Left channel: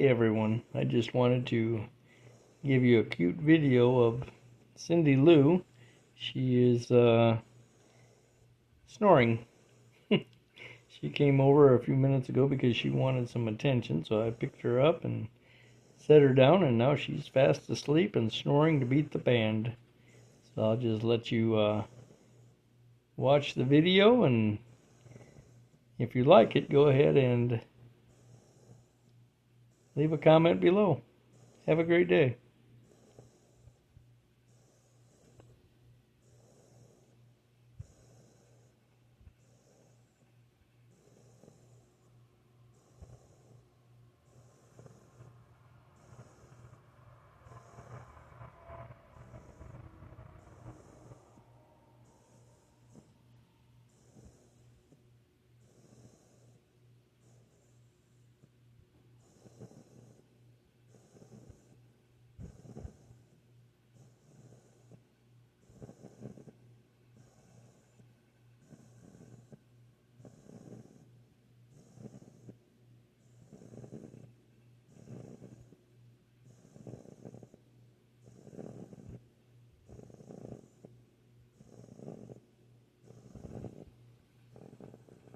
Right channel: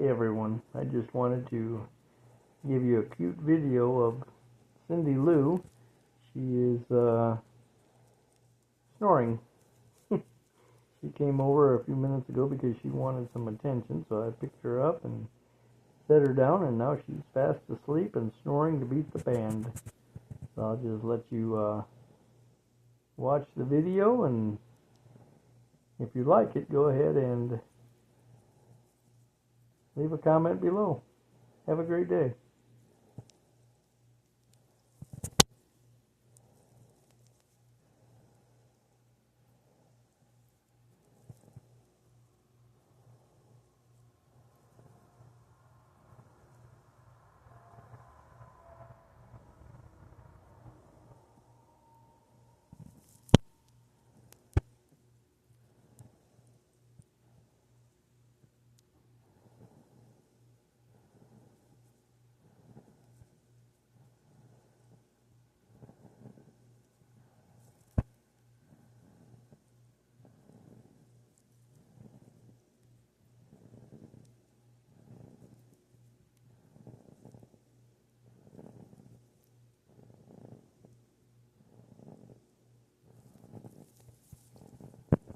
Hey everyone, I just wanted to give you a cute video of Cindy Lou. She is snoring. She came over a few minutes ago because she wanted some attention, so I picked her up and set her down, and now she's fast asleep and snoring to beat the band. So I'll just let you watch the video, and if you like it, go ahead and leave a comment below. Have a great day.